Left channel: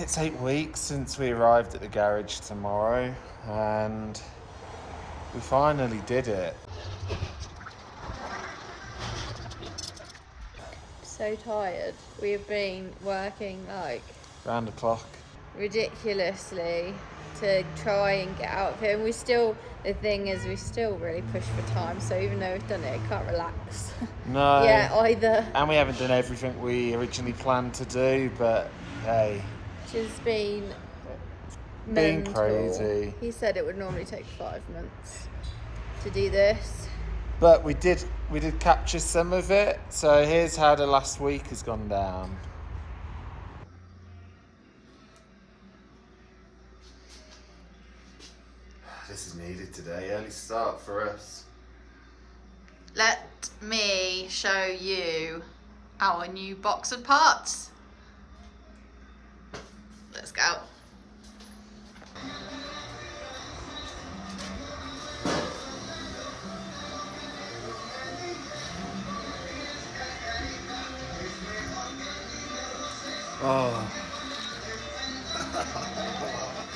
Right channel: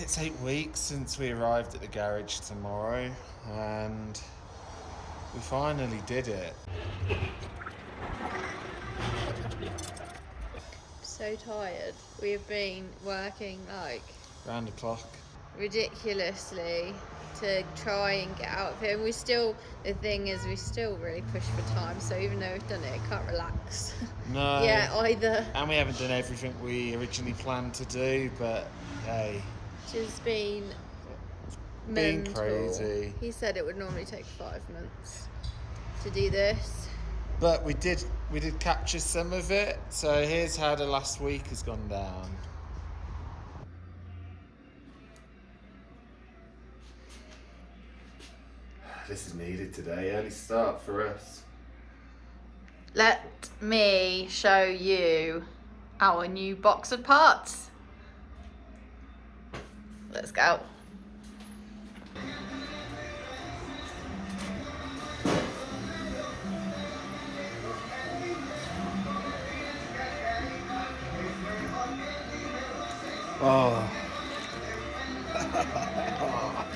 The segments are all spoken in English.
It's 8 weeks since we arrived at the garage tomorrow, and we finally did it. So tired. We have been working like Round the clock. ridiculously to try and get out of here. And the thing is, we still really push for time. So even though we've done it, I can't relax. No. Yeah, either. And we haven't done everything we originally planned to do, but hey. Just been Being mental. crazy. He said it would normally take 5 months to do this. But we did capture some of it, so here's how the last week has gone down. This is needed today, early start for us. Let me show you our new box of parts. Let's go. Oh.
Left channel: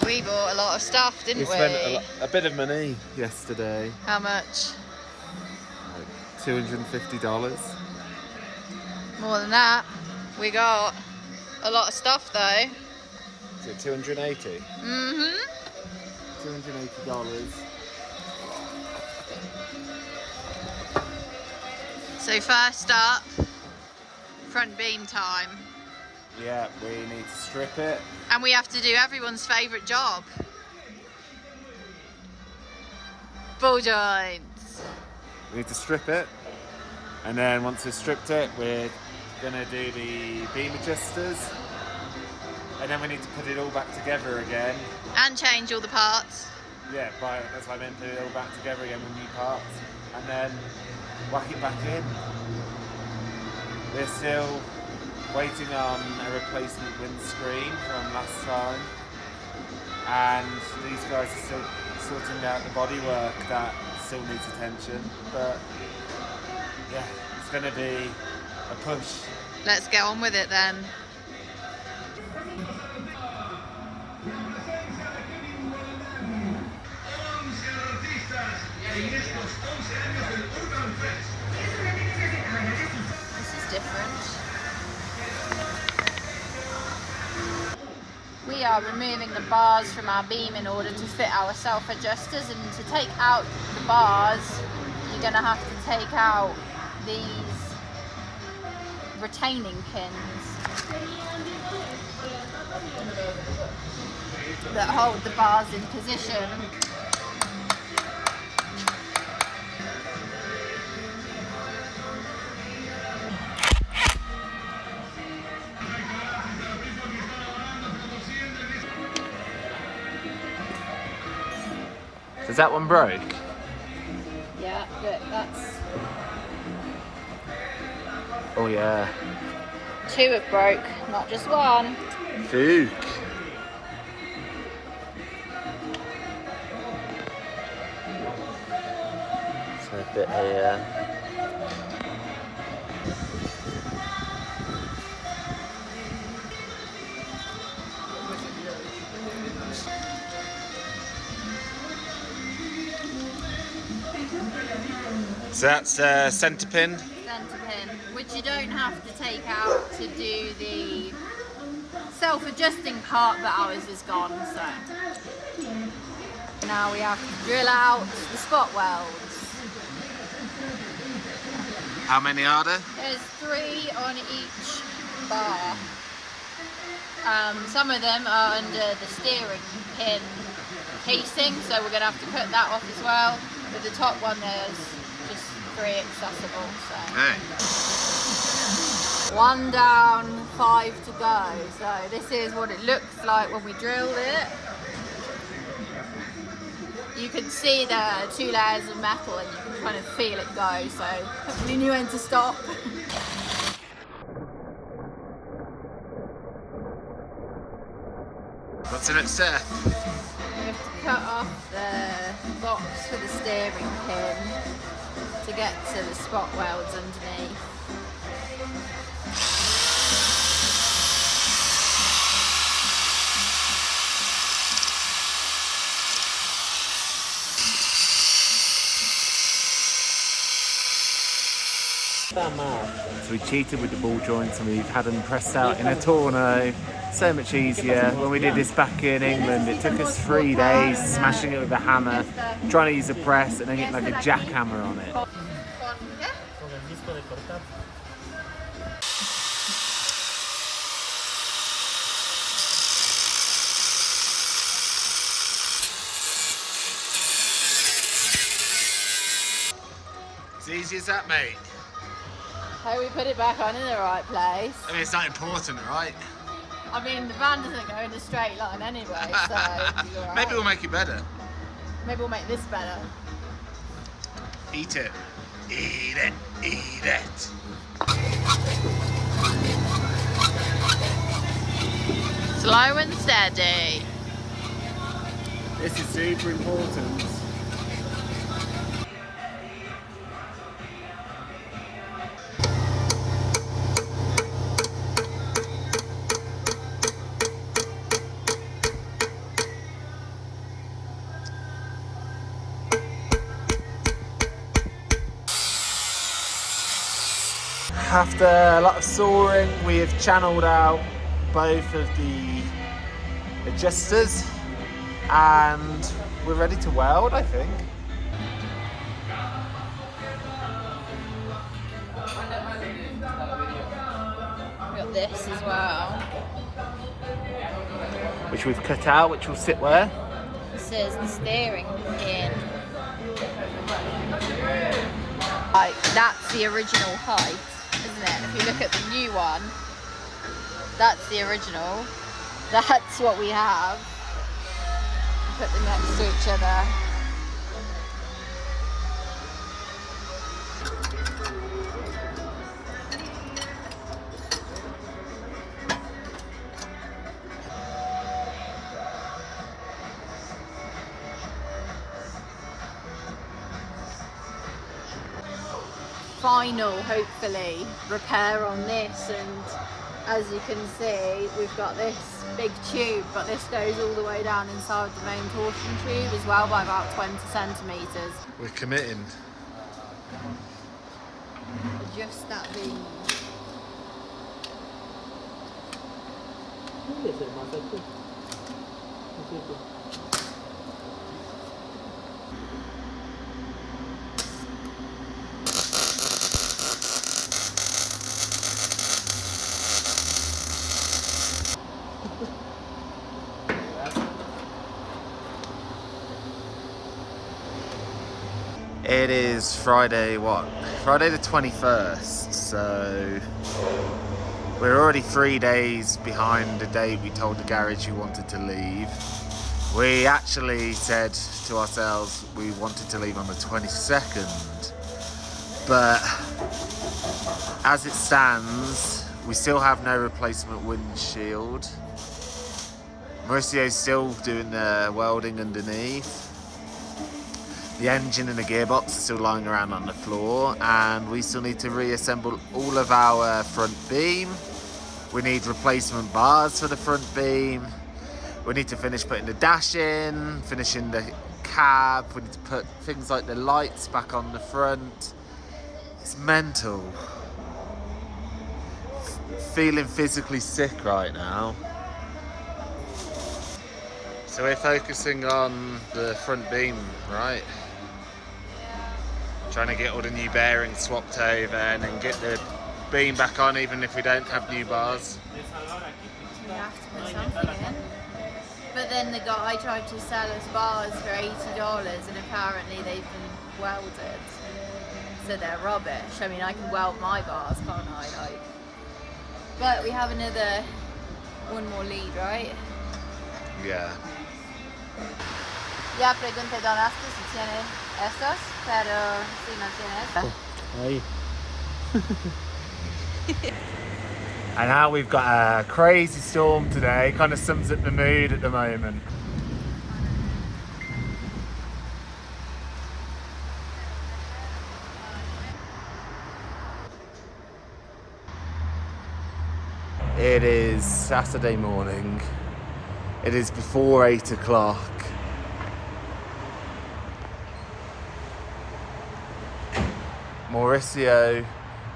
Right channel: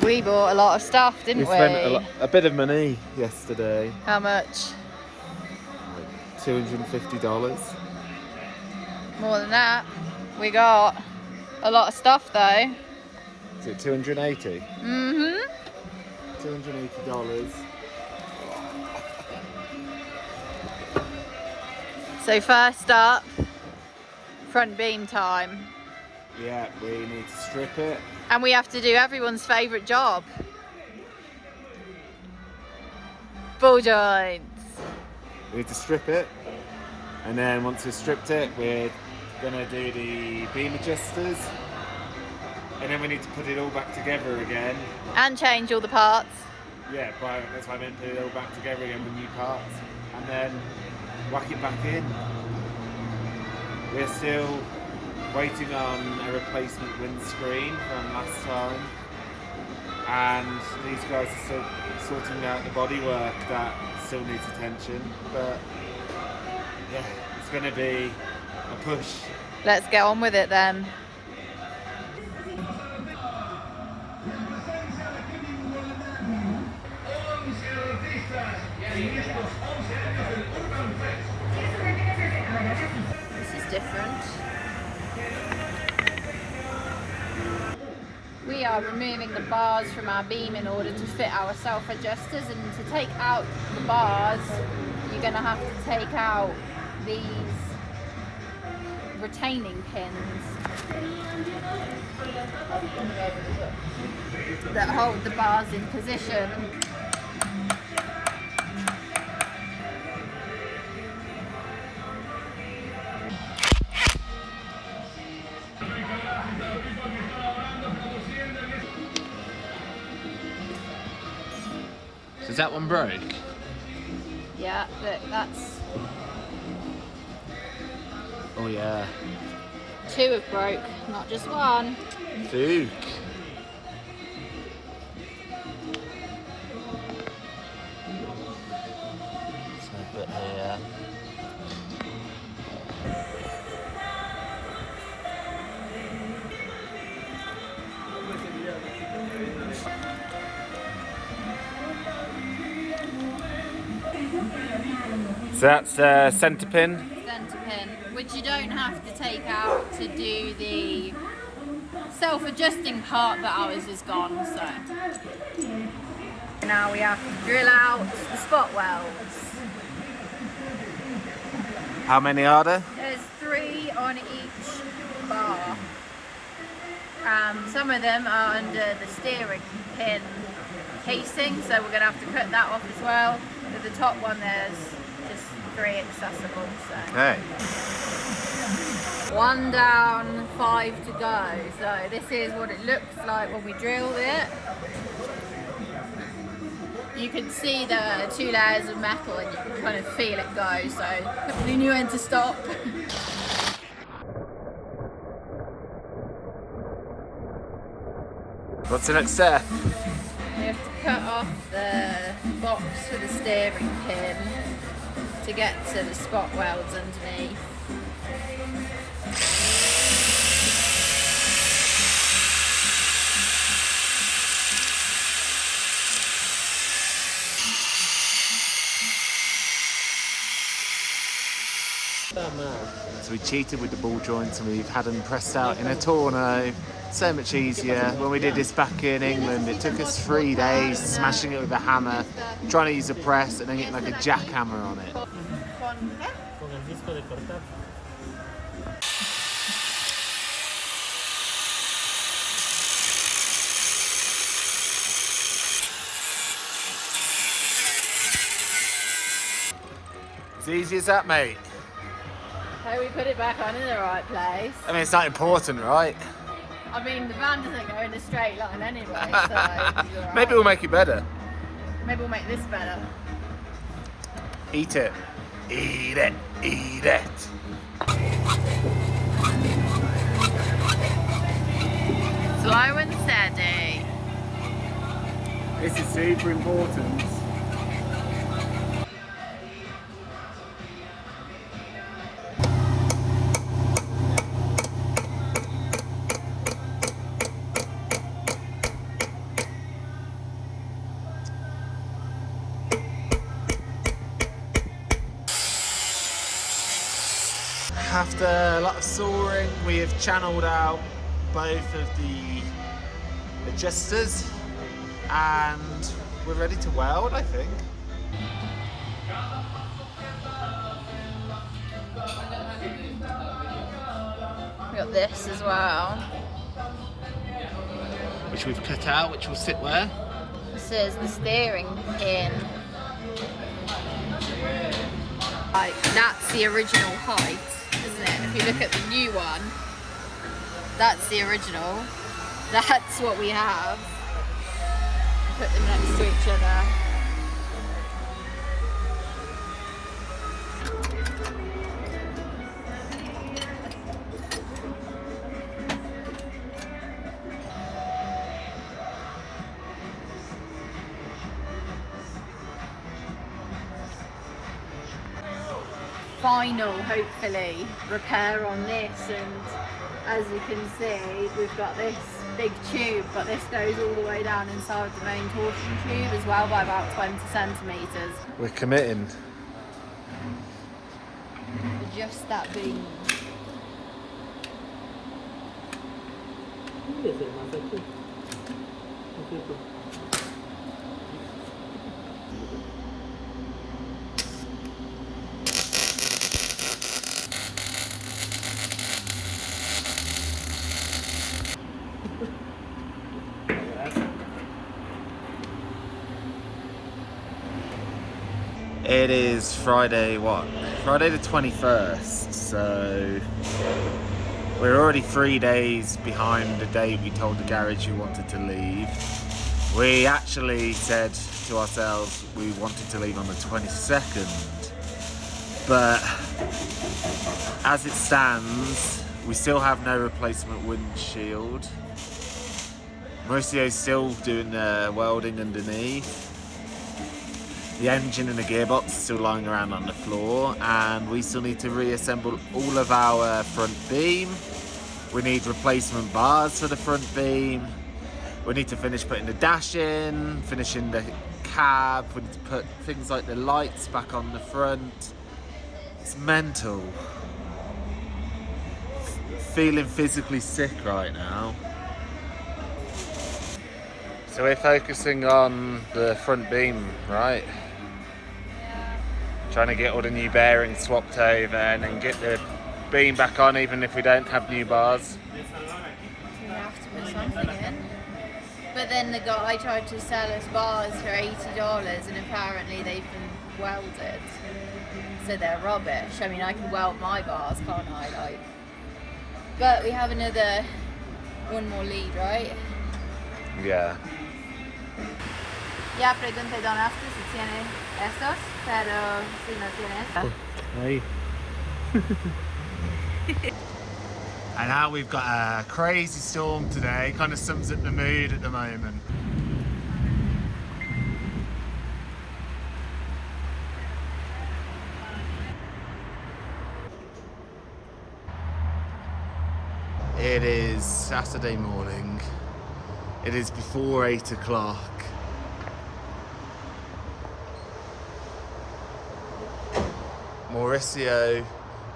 We bought a lot of stuff, didn't we? Spent a bit of money yesterday. How much? $250. More than that. We got a lot of stuff though. Is it 280? Mm-hmm. $280. So first up, front beam time. Yeah, we need to strip it. And we have to do everyone's favourite job. Ball joints. We need to strip it, and then once we've stripped it, we're gonna do the beam adjusters, and then we need to put it all back together again. And change all the parts. Yeah, that's why I meant put it all back together again with new parts, and then whack it back in. We're still waiting on a replacement windscreen from last time, and these guys are still sorting out the bodywork that still needs attention, but yeah, it's going to be a push. Let's get on with it then. This is different. We are removing the bars from our beam in order to fit our self-adjusters, and to take out the bars you're going to have to take out these retaining pins that hold the bars in position. Does that one broke? Yeah, look, that's... Oh yeah. 2 have broke, not just 1. Duke. So a bit here. So that's centre pin. Centre pin, which you don't have to take out to do the self-adjusting part, but ours is gone, so. Now we have to drill out the spot welds. How many are there? There's 3 on each bar. Some of them are under the steering pin casing, so we're going to have to cut that off as well. But the top one, there's just 3 accessible. So. Okay. 1 down, 5 to go. So this is what it looks like when we drilled it. You can see the 2 layers of metal, and you can kind of feel it go. So hopefully you knew when to stop. What's the next step? We have to cut off the box for the steering pin to get to the spot welds underneath. So we cheated with the ball joints and we've had them pressed out in a torno. So much easier. When we did this back in England, it took us 3 days smashing it with a hammer, trying to use a press and then getting like a jackhammer on it. As easy as that, mate. How we put it back on in the right place. I mean, it's not important, right? I mean, the van doesn't go in a straight line anyway, so right. Maybe we'll make it better. Maybe we'll make this better. Eat it. Eat it. Eat it. Slow and steady. This is super important. After a lot of sawing, we have channeled out both of the adjusters and we're ready to weld, I think. We've got this as well. Which we've cut out, which will sit where? This is the steering gear. Like, that's the original height, isn't it? If you look at the new one, that's the original. That's what we have. Put them next to each other. Final, hopefully, repair on this, and as you can see, we've got this big tube, but this goes all the way down inside the main torsion tube as well by about 20 centimetres. We're committing. Just that beam. It is Friday, what? Friday the 21st, so we're already 3 days behind the date we told the garage we wanted to leave. We actually said to ourselves we wanted to leave on the 22nd, but as it stands, we still have no replacement windshield. Mauricio's still doing the welding underneath. The engine and the gearbox are still lying around on the floor, and we still need to reassemble all of our front beam. We need replacement bars for the front beam. We need to finish putting the dash in, finishing the cab. We need to put things like the lights back on the front. It's mental. Feeling physically sick right now. So we're focusing on the front beam, right? Trying to get all the new bearings swapped over and then get the beam back on even if we don't have new bars. We have to put something in. But then the guy tried to sell us bars for $80 and apparently they've been welded. So they're rubbish. I mean, I can weld my bars, can't I? Like, but we have one more lead, right? Yeah. Ya pregunté donaste si tiene estos, pero si no tiene esta. And now we've got a crazy storm today, kind of sums up the mood at the moment. It is Saturday morning. It is before 8 o'clock. Mauricio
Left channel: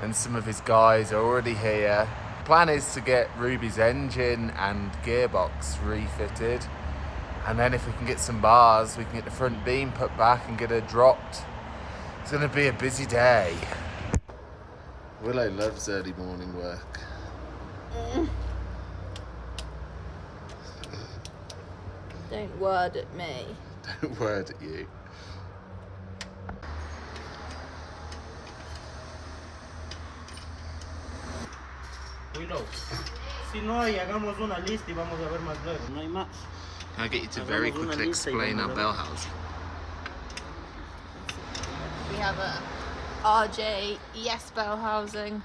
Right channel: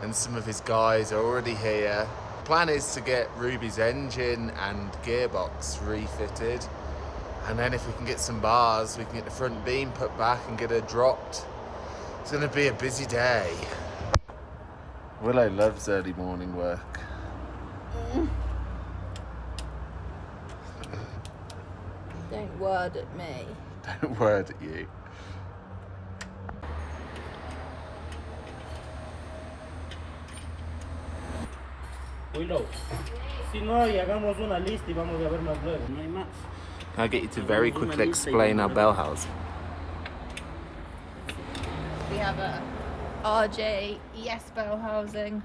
and some of his guys are already here. Plan is to get Ruby's engine and gearbox refitted, and then if we can get some bars, we can get the front beam put back and get her dropped. It's going to be a busy day. Willow loves early morning work. Don't word at me. Don't word at you. Willow, si no hay, hagamos una lista y vamos a ver más luego. No hay más. Can I get you to very quickly explain our bell housing? We have a RJ ES bell housing.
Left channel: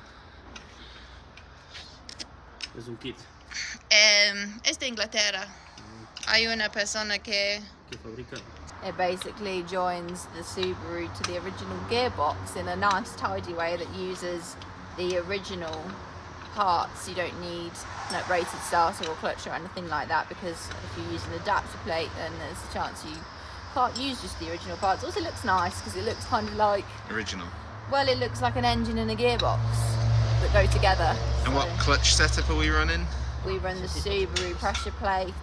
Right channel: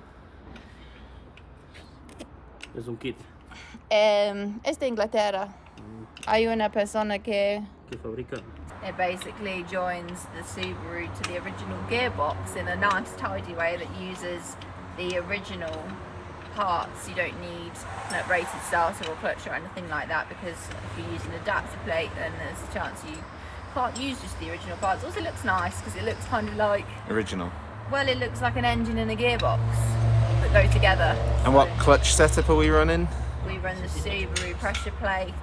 Es un kit Es de Inglaterra. Hay una persona que que fabrica. it basically joins the Subaru to the original gearbox in a nice tidy way that uses the original parts. You don't need rated starter or clutch or anything like that, because if you use an adapter plate then there's a chance you can't use just the original parts. Also, it looks nice because it looks kind of like Original. Well, it looks like an engine and a gearbox that go together. And what clutch setup are we running? We run the Subaru pressure plate,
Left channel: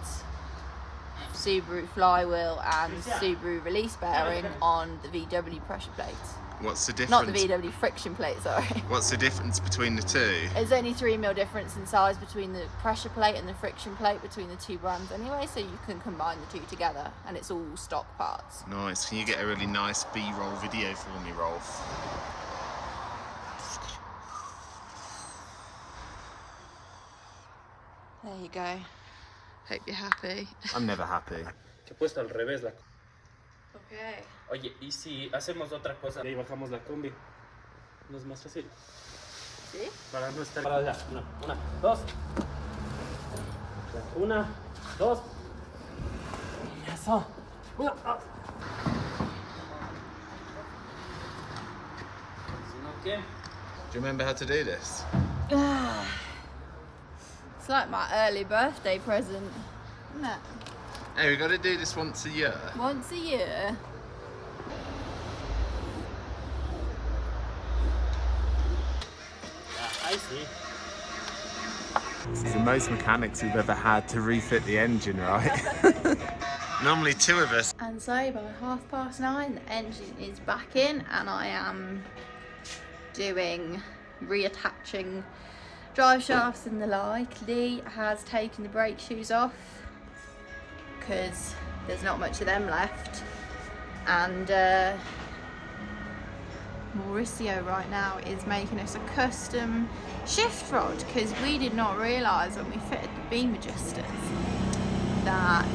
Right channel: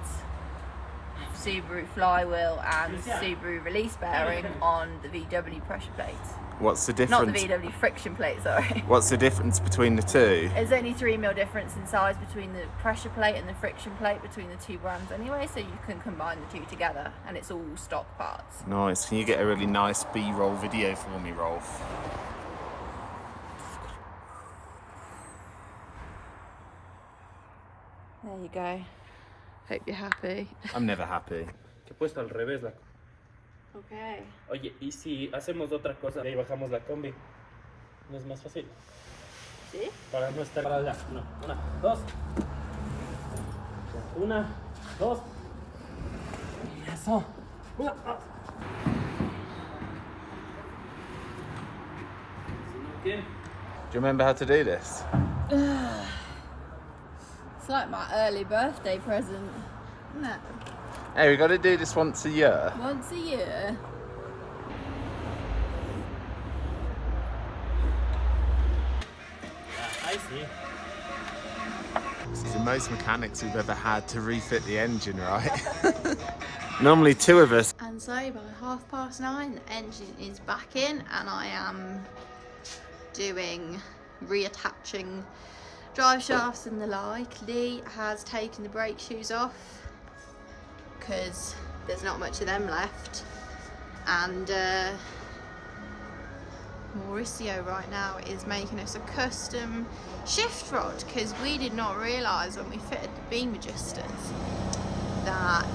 Subaru flywheel and Subaru release bearing on the VW pressure plate. What's the Not difference? the VW friction plate, sorry. What's the difference between the two? There's only 3mm difference in size between the pressure plate and the friction plate between the two brands anyway, so you can combine the two together and it's all stock parts. Nice. Can you get a really nice B-roll video for me, Rolf? There you go. Hope you're happy. I'm never happy. Que he puesto al revés la. Okay. Oye, ¿y si hacemos otra cosa? Y ahí bajamos la combi. ¿No es más fácil? ¿Sí? Para no estar para allá. No. Una, dos. Una, dos. Y eso. Una. Ah. Si no, ¿qué? Do you remember how to do this? It's like my early birthday present, isn't it? Hey, we got to do this once a year. Once a year. I see. This is the most mechanics we've ever had to refit the engine, right? Normally two of us. And so by 9:30 the engine is back in and I am doing reattaching drive shafts and the like. Lee has taken the brake shoes off because there's not much of them left, and Mauricio right now is making us a custom shift rod because we did not realise when we fitted the beam adjusters that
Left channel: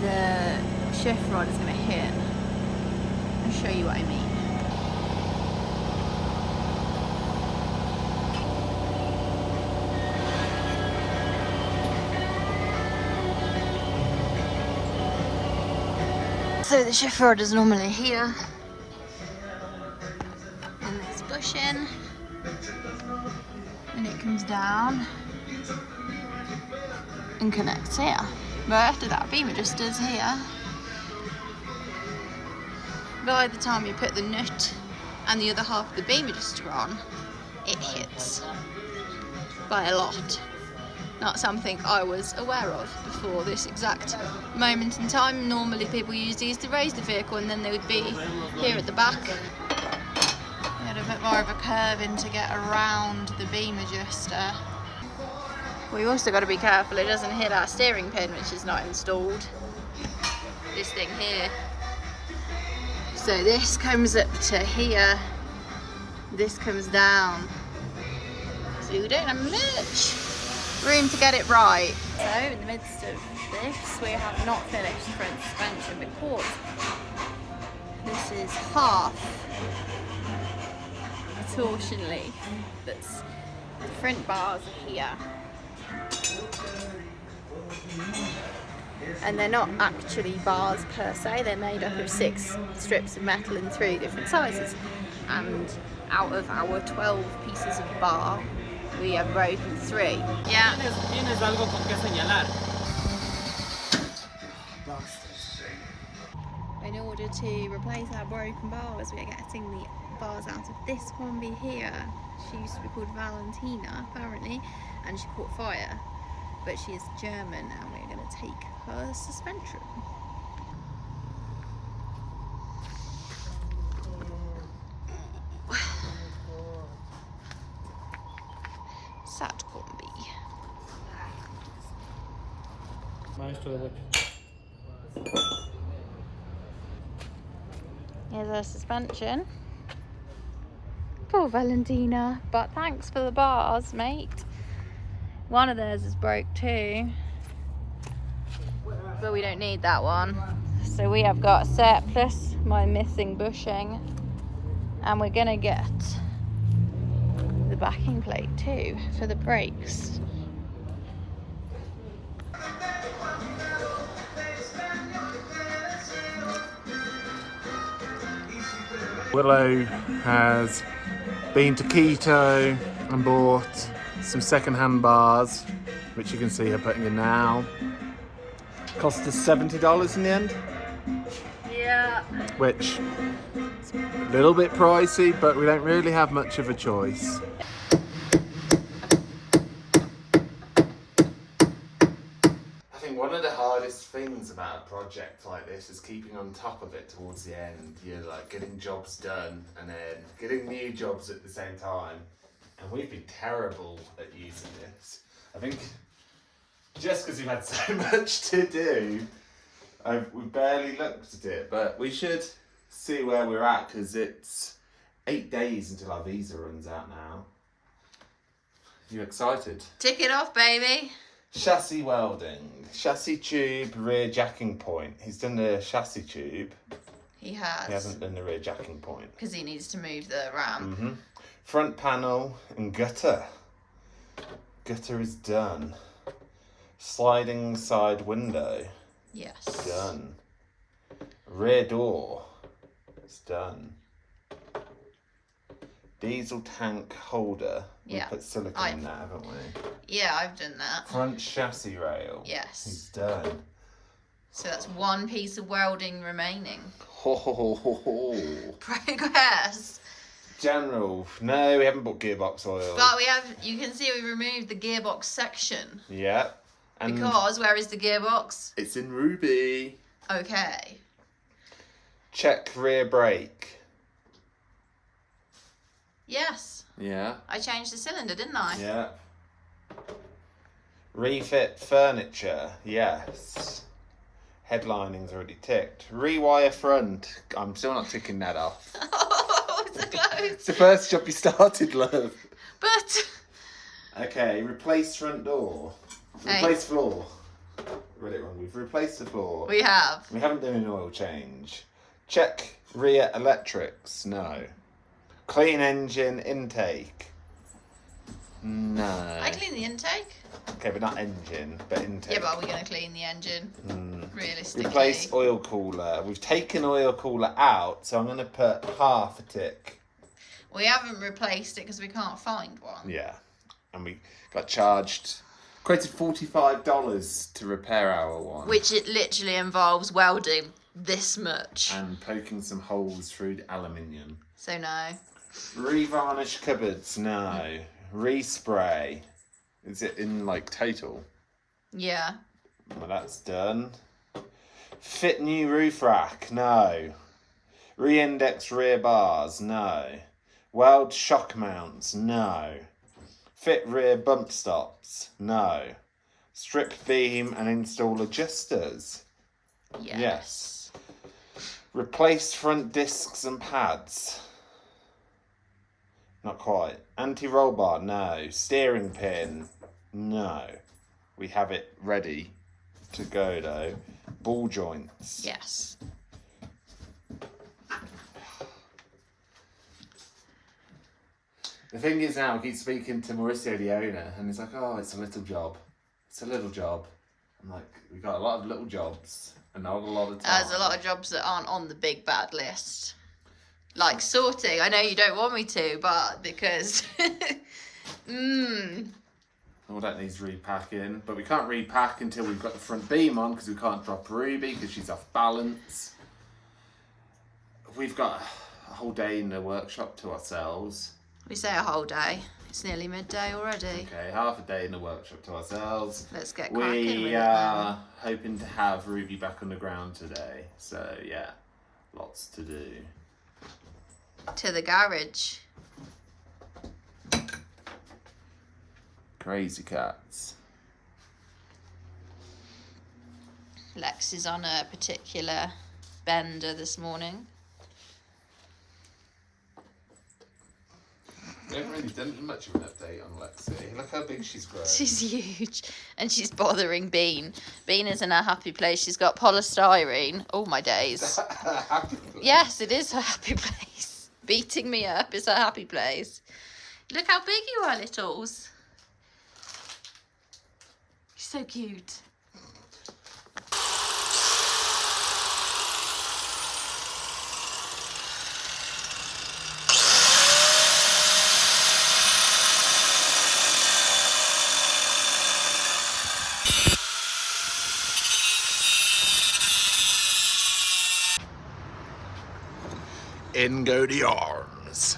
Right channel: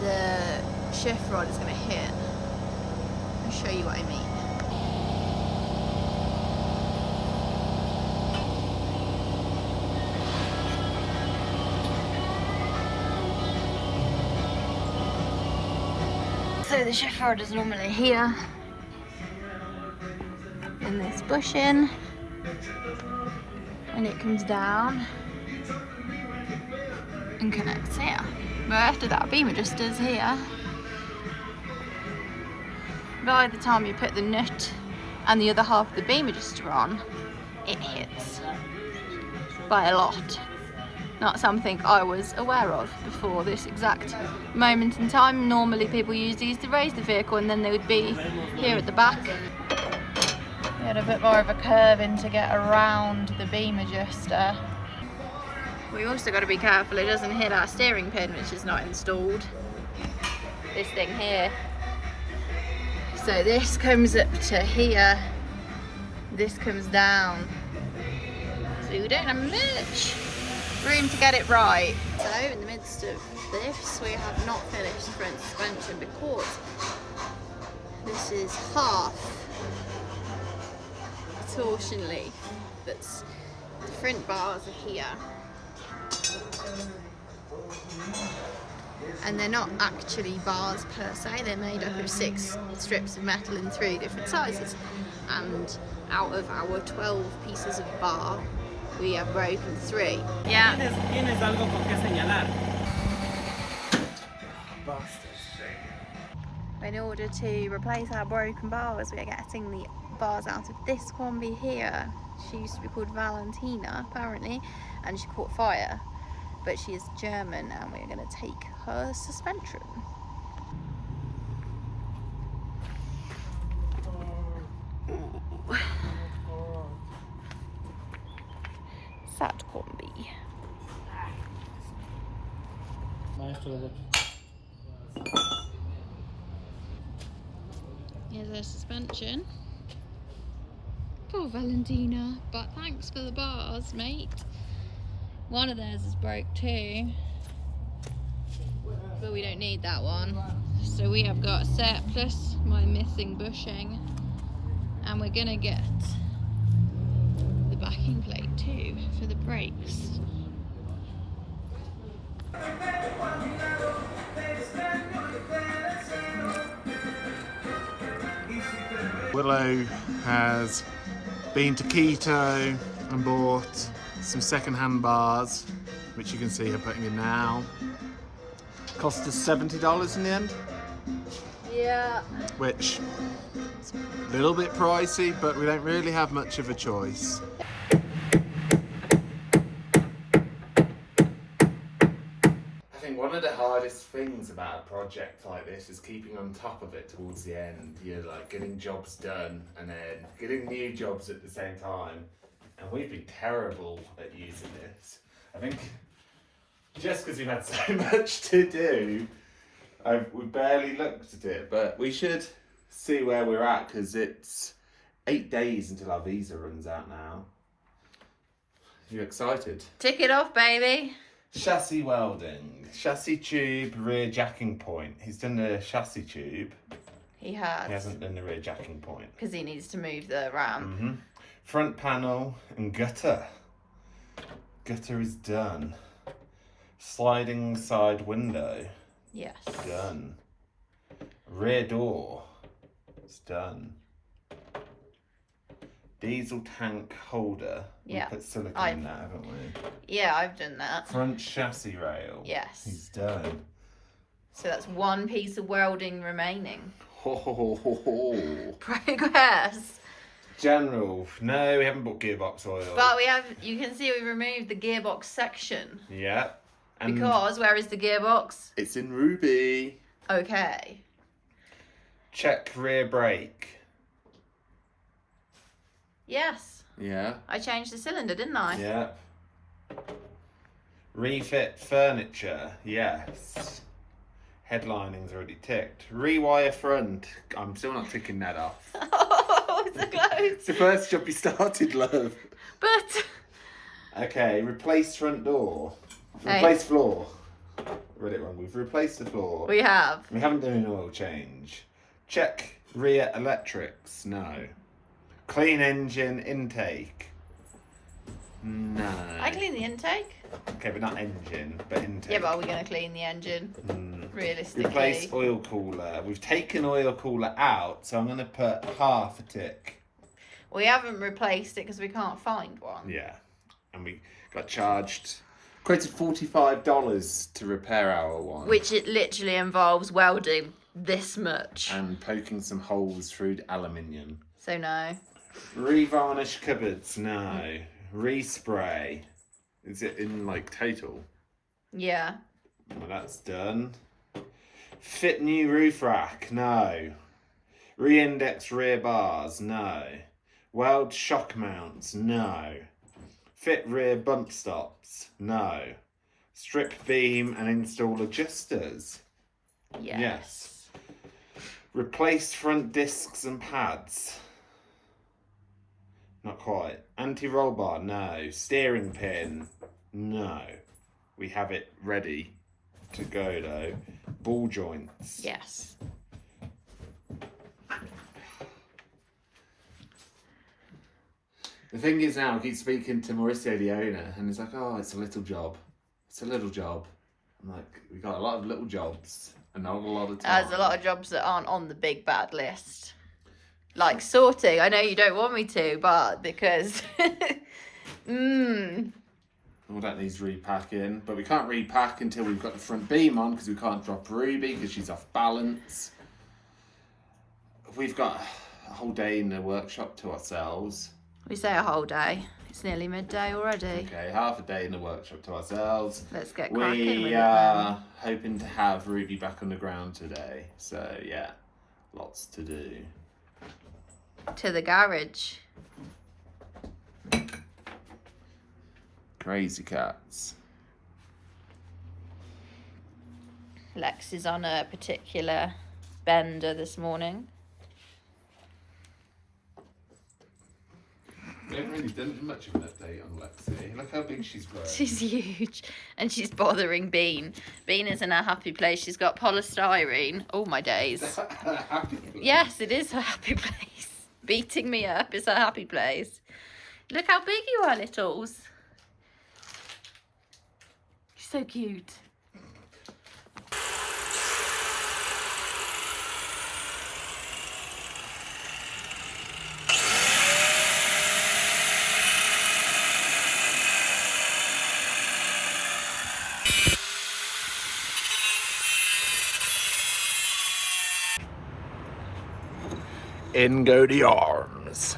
the shift rod is going to hit. I'll show you what I mean. So the shift rod is normally here in this bushing, and it comes down and connects here. But after that, beam adjuster's here. By the time you put the nut and the other half of the beam adjuster on, it hits by a lot. Not something I was aware of before this exact moment in time. Normally people use these to raise the vehicle and then they would be here at the back. We had a bit more of a curve in to get around the beam adjuster. We also got to be careful it doesn't hit our steering pin, which is not installed. This thing here. So this comes up to here, this comes down. So we don't have much room to get it right. So in the midst of this, we have not finished the front suspension because this is half a torsion leaf. That's the front bars are here. And they're not actually bars per se, they're made up of 6 strips of metal in 3 different sizes. And out of our 12 pieces of bar, we have broken 3. Yeah. Tienes algo con qué señalar. In order to replace our broken bars, we are getting the bars out of this combi here. She used to be called Valentina, apparently, and she caught fire. But she is German, and we're going to take her suspension. Sad combi. Here's her suspension. Poor Valentina, but thanks for the bars, mate. One of theirs is broke too, but we don't need that one. So we have got a set plus my missing bushing, and we're gonna get the backing plate too for the brakes. Willow has been to Quito and bought some second-hand bars, which you can see her putting in now. Cost us $70 in the end. Yeah. Which is a little bit pricey, but we don't really have much of a choice. I think one of the hardest things about a project like this is keeping on top of it towards the end. You're like getting jobs done and then getting new jobs at the same time. And we've been terrible at using this. I think just because we've had so much to do, we've barely looked at it, but we should see where we're at because it's 8 days until our visa runs out now. You excited? Tick it off, baby. Chassis welding, chassis tube, rear jacking point. He's done the chassis tube. He has. He hasn't done the rear jacking point. Because he needs to move the ramp. Front panel and gutter. Gutter is done. Sliding side window. Yes. Done. Rear door. It's done. Diesel tank holder. Yeah. We put silicone in that, haven't we? Yeah, I've done that. Front chassis rail. Yes. He's done. So that's one piece of welding remaining. Ho ho ho ho ho. Progress. General. No, we haven't bought gearbox oil. But we have, you can see we removed the gearbox section. Yeah. And Because where is the gearbox? it's in Ruby. Okay. Check rear brake. Yes. Yeah. I changed the cylinder, didn't I? Yeah. Refit furniture. Yes. Headlining's already ticked. Rewire front. I'm still not ticking that off. Oh, so close. It's the first job you started, love. But. Okay, replace front door. Hey. Replace floor. Read it wrong. We've replaced the floor. We have. We haven't done an oil change. Check rear electrics. No. Clean engine intake. No. I clean the intake. Okay, but not engine, but intake. Yeah, but are we going to clean the engine? Realistically. Replace oil cooler. We've taken oil cooler out, so I'm going to put half a tick. We haven't replaced it because we can't find one. Yeah. And we got charged, quoted $45 to repair our one. Which it literally involves welding this much. And poking some holes through the aluminium. So no. Revarnish cupboards, no. Respray. Is it in like total? Yeah. Well, that's done. Fit new roof rack, no. Re-index rear bars, no. Weld shock mounts, no. Fit rear bump stops, no. Strip beam and install adjusters, yes. Replace front discs and pads. Not quite. Anti-roll bar, no. Steering pin, no. We have it ready to go though. Ball joints. Yes. The thing is now, I keep speaking to Mauricio, the owner, and he's like, oh, it's a little job. It's a little job. I'm like, we got a lot of little jobs and not a lot of time. There's a lot of jobs that aren't on the big bad list. Like sorting. I know you don't want me to, but because... All that needs repacking, but we can't repack until we've got the front beam on because we can't drop Ruby because she's off balance. We've got a whole day in the workshop to ourselves. We say a whole day. It's nearly midday already. Okay, half a day in the workshop to ourselves. Let's get cracking with it We then. are hoping to have Ruby back on the ground today. So yeah, lots to do. To the garage. Crazy cats. Lex is on a particular bender this morning. We haven't really done much of an update on Lexi. Look how big she's grown. She's huge. And she's bothering Bean. Bean is in a happy place. She's got polystyrene. Oh, my days. Yes, it is her happy place. Beating me up is her happy place. Look how big you are, littles. You're so cute. In go the arms.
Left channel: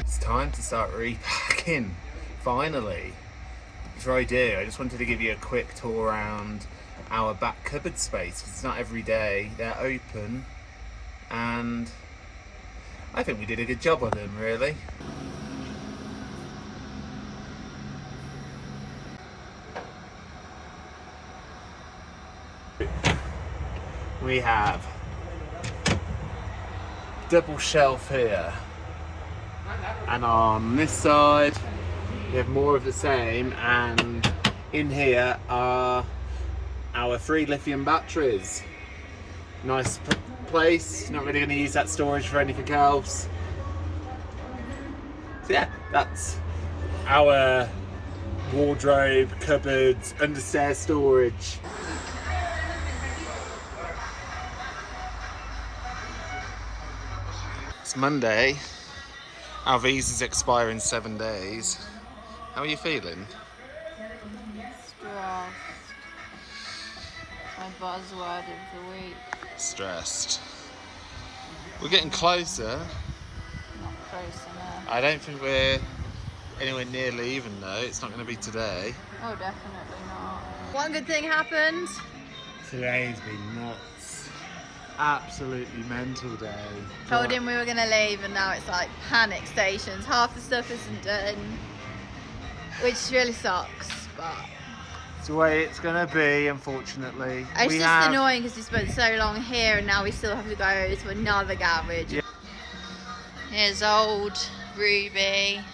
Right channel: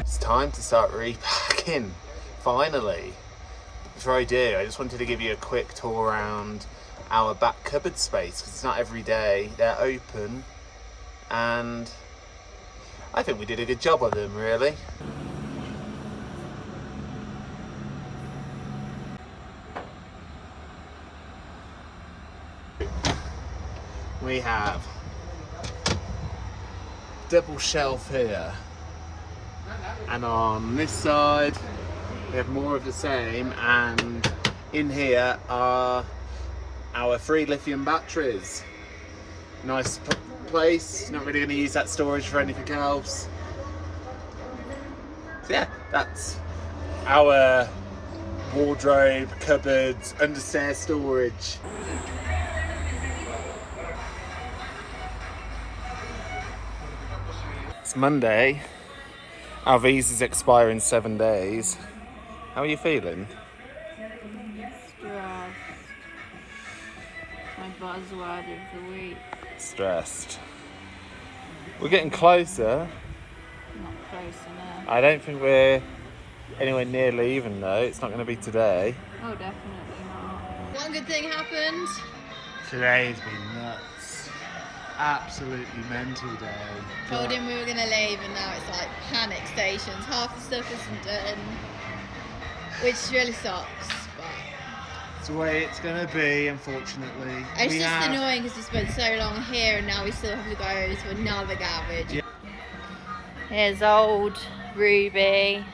It's time to start repacking, finally. Before I do, I just wanted to give you a quick tour around our back cupboard space, because it's not every day they're open, and I think we did a good job of them, really. We have double shelf here, and on this side we have more of the same, and in here are our 3 lithium batteries. Nice place, not really going to use that storage for anything else. So yeah, that's our wardrobe, cupboards, understairs storage. It's Monday. Our visa's expire in 7 days. How are you feeling? Stressed. My buzzword of the week. Stressed. We're getting closer. Not close enough. I don't think we're anywhere near leaving though. It's not going to be today. Oh, definitely not. One good thing happened. Today's been nuts. Absolutely mental day. Told him we were going to leave and now it's like panic stations. Half the stuff isn't done. Which really sucks, but It's the way it's going to be, unfortunately. it's just annoying because we spent so long here and now we still have to go to another garage. Yeah. Here's old Ruby.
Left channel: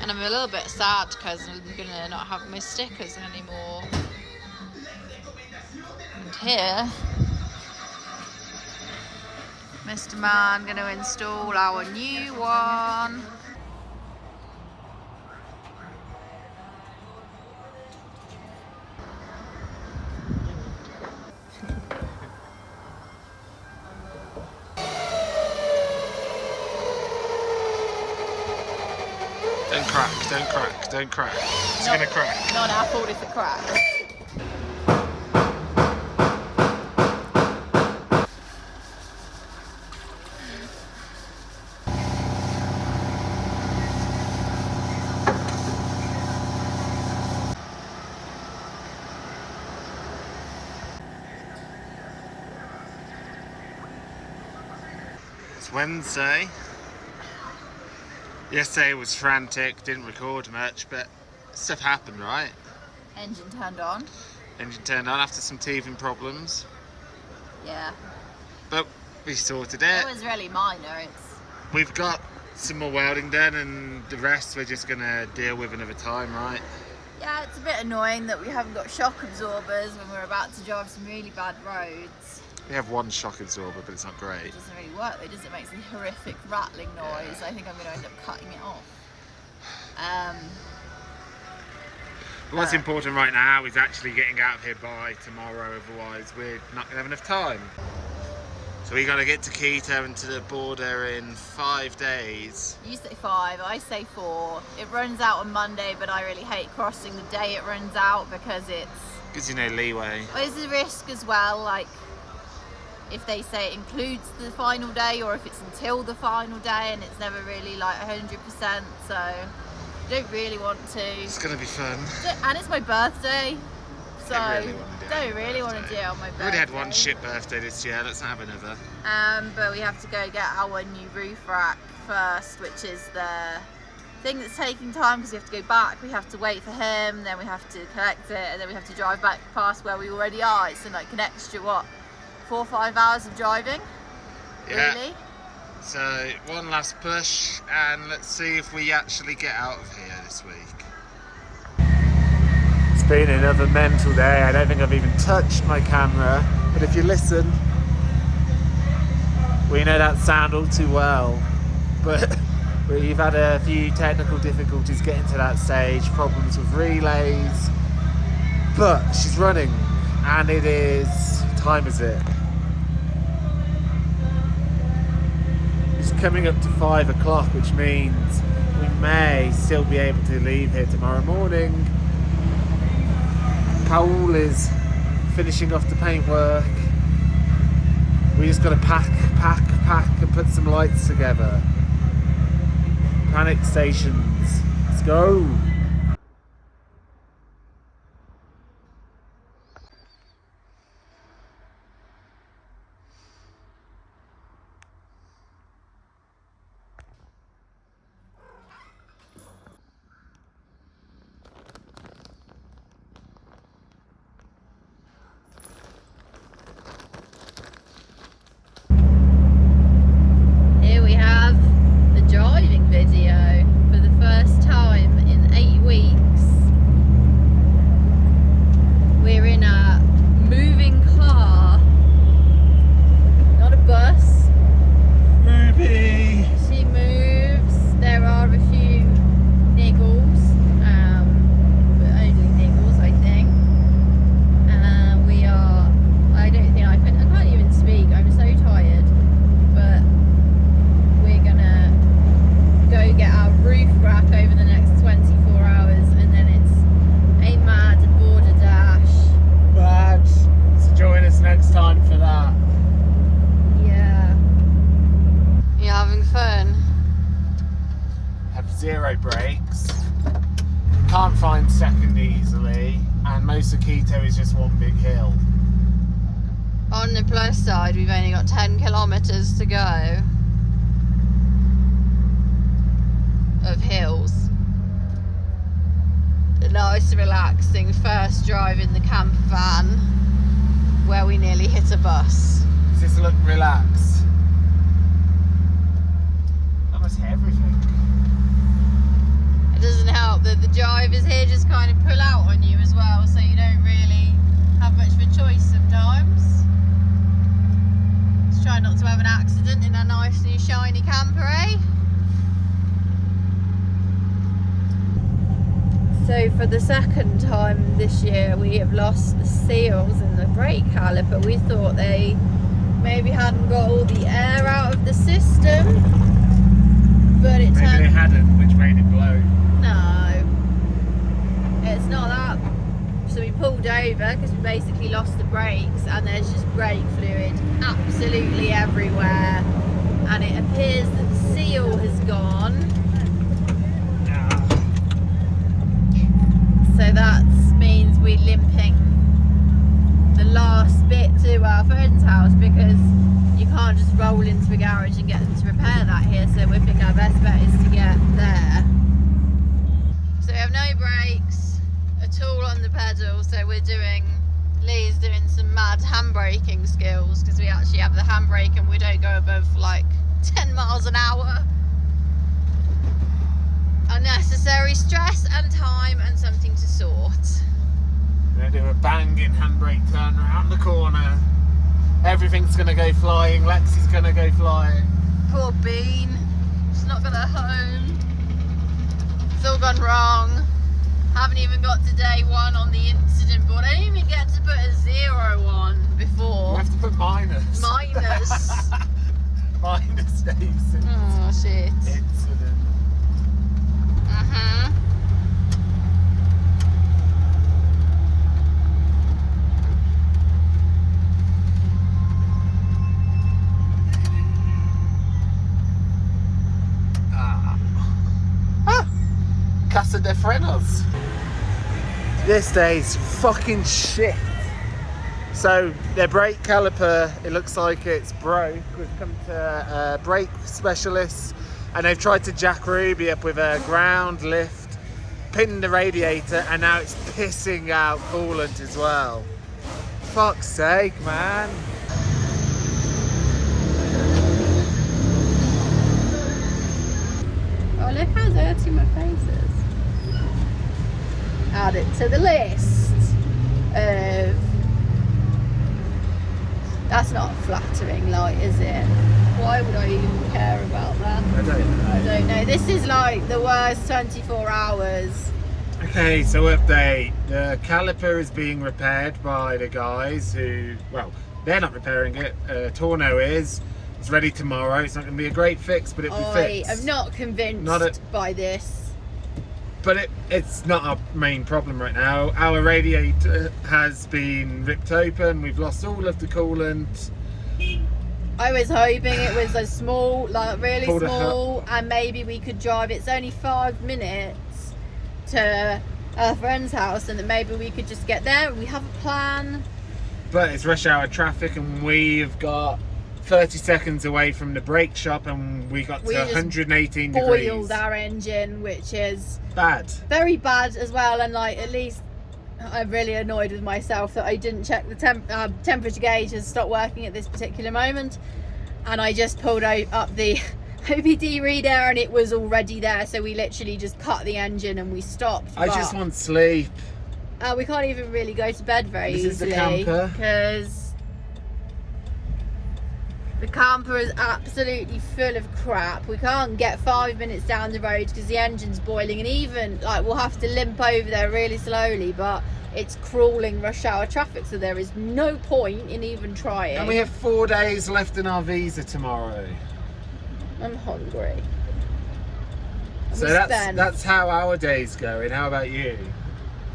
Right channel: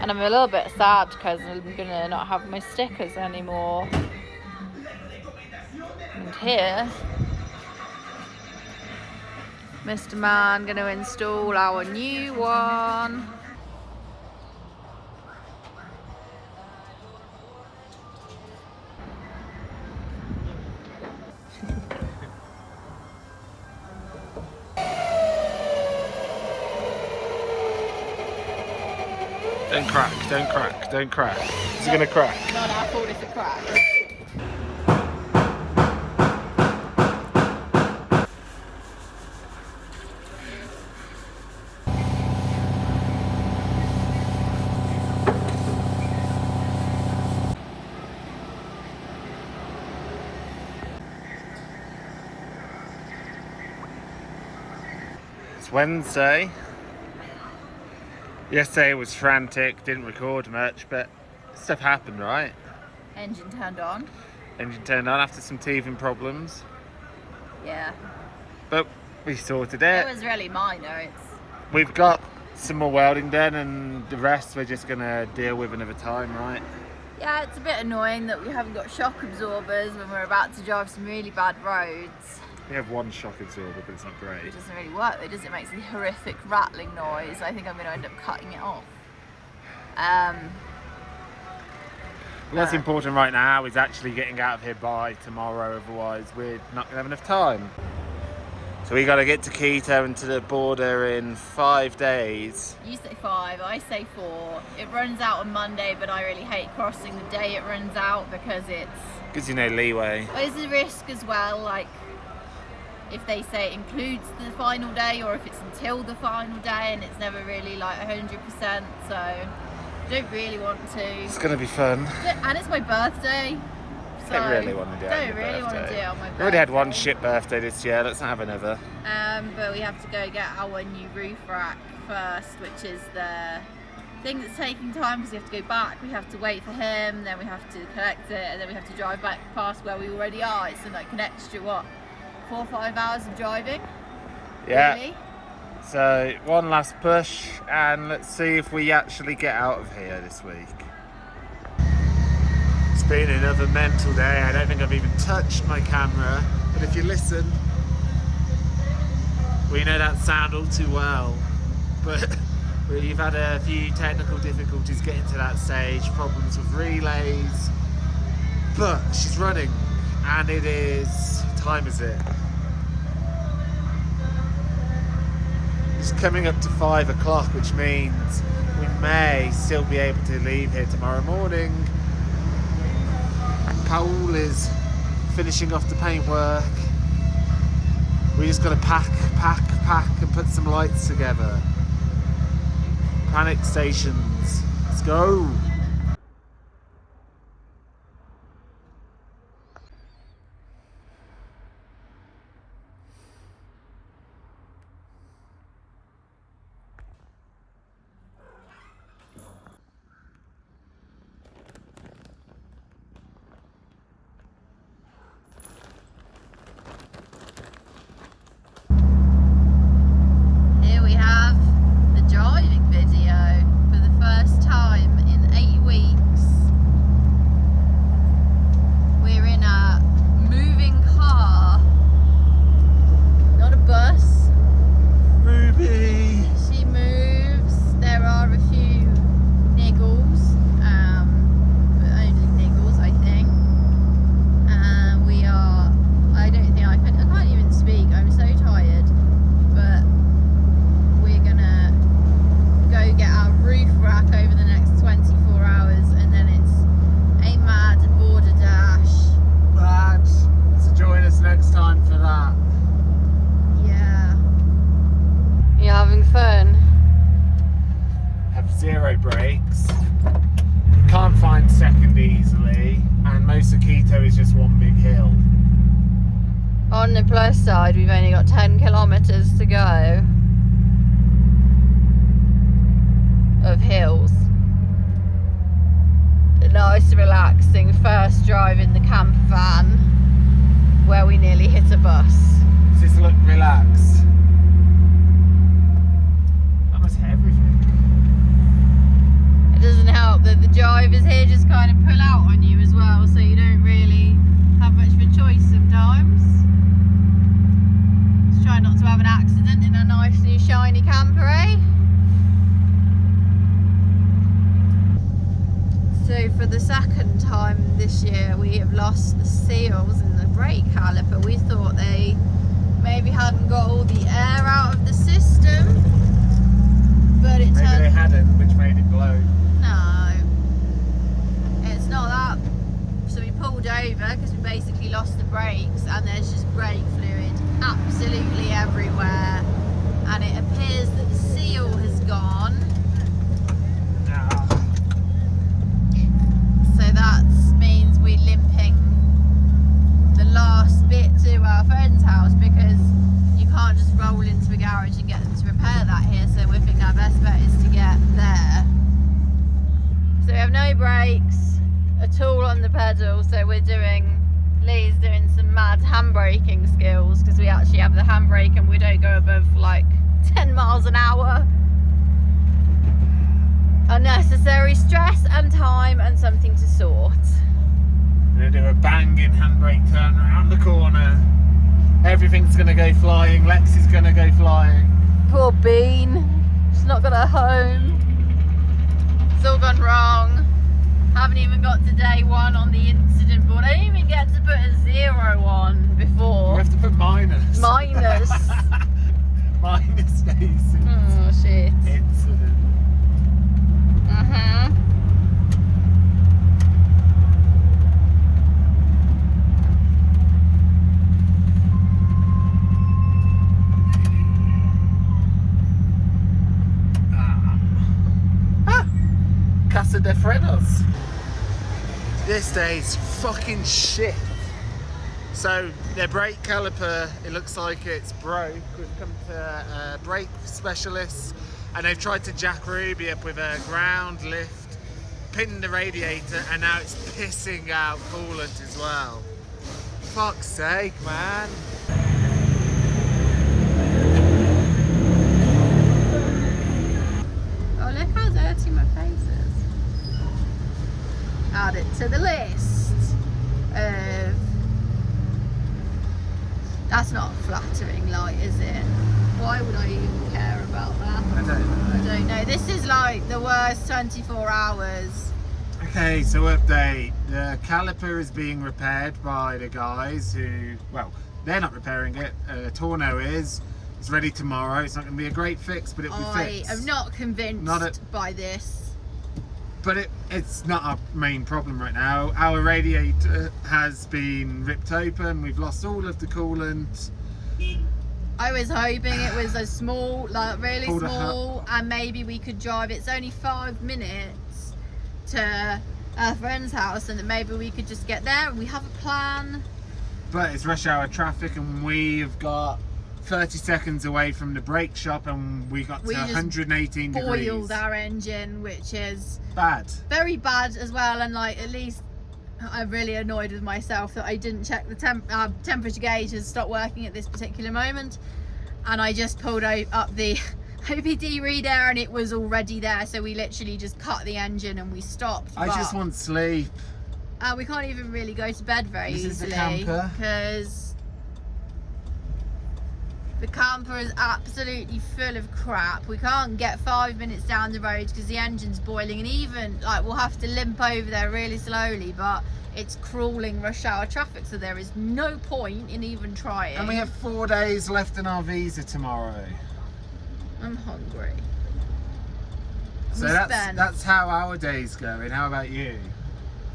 And I'm a little bit sad because I'm going to not have my stickers anymore. And here, Mr. Man going to install our new one. Don't crack, don't crack, don't crack. Is it going to crack? Not our fault if it cracks. It's Wednesday. Yesterday was frantic, didn't record much, but stuff happened, right? Engine turned on. Engine turned on after some teething problems, Yeah. but we sorted It it. was really minor. We've got some more welding done, and the rest we're just gonna deal with another time, right? Yeah, it's a bit annoying that we haven't got shock absorbers when we're about to drive some really bad roads. We have one shock absorber, but it's not great. It doesn't really work, it does. It makes a horrific rattling noise. I think I'm going to end up cutting it off. But what's important right now is actually getting out of here by tomorrow, otherwise we're not gonna have enough time. So we got to get to Quito and to the border in 5 days. You say 5, I say 4. It runs out on Monday, but I really hate crossing the day it runs out because it's... Gives you no leeway. There's a risk as well, like if they say it includes the final day or if it's until the final day, and it's never really like 100%, so I don't really want to. It's going to be fun. And it's my birthday. So I really want to do it. Don't really want to do it on my birthday. We already had one shit birthday this year. Let's not have another. But we have to go get our new roof rack first, which is the thing that's taking time because we have to go back. We have to wait for him, then we have to collect it, and then we have to drive back past where we already are. It's like an extra 4 or 5 hours of driving. Yeah. Really? So one last push, and let's see if we actually get out of here this week. It's been another mental day. I don't think I've even touched my camera, but if you listen, we know that sound all too well. But we've had a few technical difficulties getting to that stage, problems with relays. But she's running, and it is, what time is it? It's coming up to 5 o'clock, which means we may still be able to leave here tomorrow morning. Paul is finishing off the paintwork. We just got to pack and put some lights together. Panic stations. Let's go. Here we have the driving video for the first time in 8 weeks. We're in a moving car, not a bus. Ruby! She moves. There are a few niggles, but only niggles, I think. We are. I don't think I can't even speak. I'm so tired. But we're gonna go get our roof rack over the next 24 hours, and then it's a mad border dash. Mad. So join us next time for that. Yeah. You having fun? Have 0 brakes. Can't find second easily, and most of Quito is just one big hill. On the plus side, we've only got 10 kilometers to go of hills. A nice relaxing first drive in the camper van where we nearly hit a bus. Does this look relaxed? Almost everything. It doesn't help that the drivers here just kind of pull out on you as well, so you don't really have much of a choice sometimes. Let's try not to have an accident in a nice new shiny camper, eh? So for the second time this year we have lost the seals in the brake caliper. We thought they maybe hadn't got all the air out of the system, but it Maybe turned... they hadn't, which made it blow. No, it's not that. So we pulled over because we basically lost the brakes, and there's just brake fluid absolutely everywhere, and it appears that the seal has gone. So that means we're limping the last bit to our friend's house, because you can't just roll into a garage and get them to repair that here, so we think our best bet is to get there. So we have no brakes at all on the pedal, so Lee's doing some mad handbraking skills, because we actually have the handbrake and we don't go above like 10 miles an hour. Unnecessary stress and time and something to sort. We're gonna do a banging handbrake turn around the corner. Everything's gonna go flying. Lexi's gonna go flying. Poor Bean, she's not got a home. It's all gone wrong. Haven't even got to day 1 on the incident board. I didn't even get to put a 0 on before. We have to put minus. Minus. Minus days. Oh shit. Incident. Uh-huh. Casa de Frenos. This day's fucking shit. So their brake caliper, it looks like it's broke. We've come to brake specialists and they've tried to jack Ruby up with a ground lift, pinned the radiator, and now it's pissing out coolant as well. Fuck's sake, man. Oh, look how dirty my face is. Add it to the list of... That's not flattering, like, is it? Why would I even care about that? I don't know. I don't know. This is like the worst 24 hours. Okay, so update. The caliper is being repaired by the guys who, well, they're not repairing it. Torno is. It's ready tomorrow. It's not going to be a great fix, but it'll be fixed. I am not convinced by this. But it's not our main problem right now. Our radiator has been ripped open. We've lost all of the coolant. I was hoping it was a small, like really Pulled a small, and maybe we could drive. It's only 5 minutes to a friend's house, and that maybe we could just get there. We have a plan. But it's rush hour traffic, and we've got 30 seconds away from the brake shop, and we got to 118 degrees. Boiled our engine, which is bad. Very bad as well. And like, at least I'm really annoyed with myself that I didn't check the temperature gauge has stopped working at this particular moment, and I just pulled up the OBD reader and it was already there, so we literally just cut the engine and we stopped. I just want sleep. We can't even really go to bed very This easily is the camper. because the camper is absolutely full of crap. We can't get 5 minutes down the road because the engine's boiling, and even like we'll have to limp over there really slowly, but it's crawling rush hour traffic, so there is no point in even trying. And we have 4 days left in our visa tomorrow. I'm hungry. So that's how our day's going. How about you?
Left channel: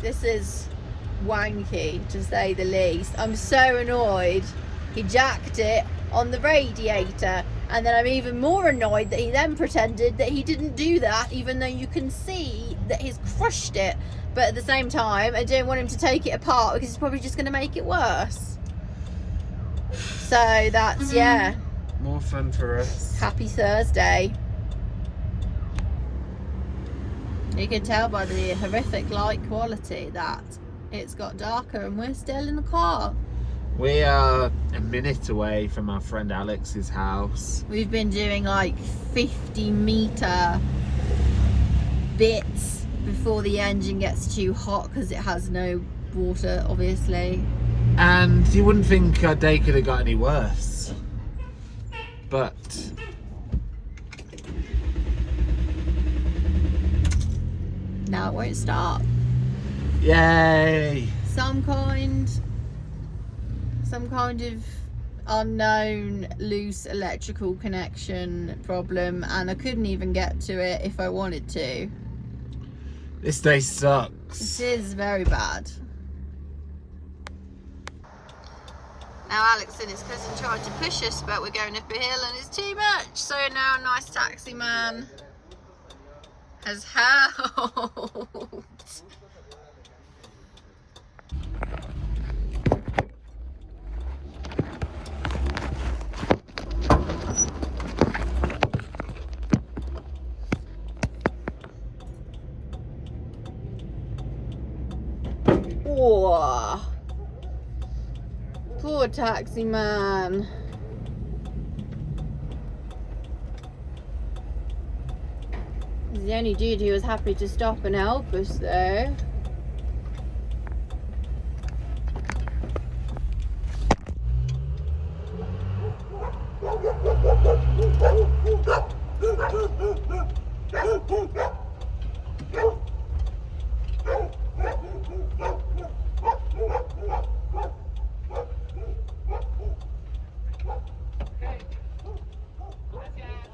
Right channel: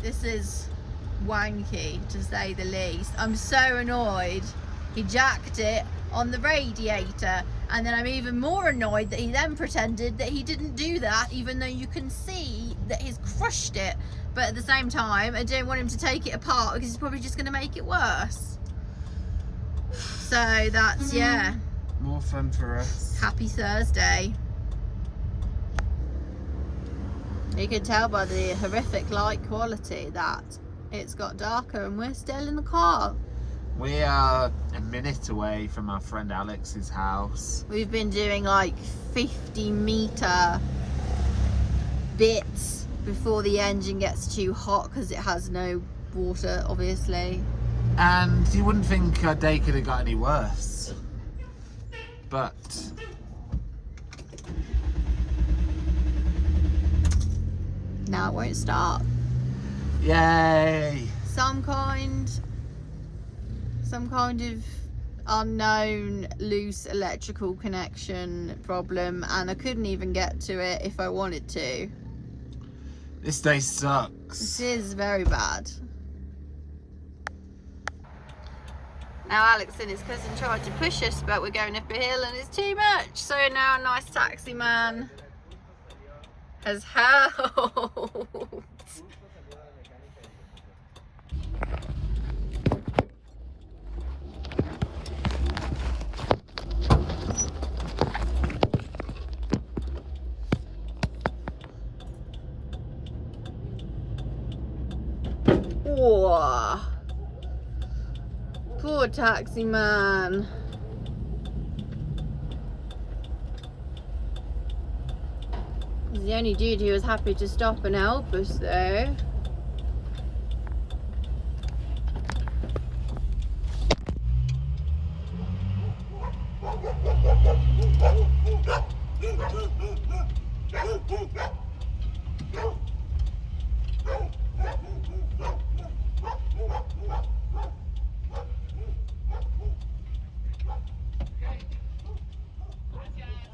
This is wanky, to say the least. I'm so annoyed he jacked it on the radiator, and then I'm even more annoyed that he then pretended that he didn't do that, even though you can see that he's crushed it. But at the same time, I don't want him to take it apart because he's probably just going to make it worse. So that's, yeah, more fun for us. Happy Thursday. You can tell by the horrific light quality that it's got darker, and we're still in the car. We are a minute away from our friend Alex's house. We've been doing like 50-meter bits before the engine gets too hot because it has no water, obviously. And you wouldn't think our day could have got any worse. But now it won't start. yay! Some kind of unknown loose electrical connection problem, and I couldn't even get to it if I wanted to. This day sucks. This is very bad. Now Alex and his cousin tried to push us, but we're going up a hill and it's too much. So now a nice taxi man has helped. Whoa. Poor taxi man. He's the only dude who was happy to stop and help us though. Gracias.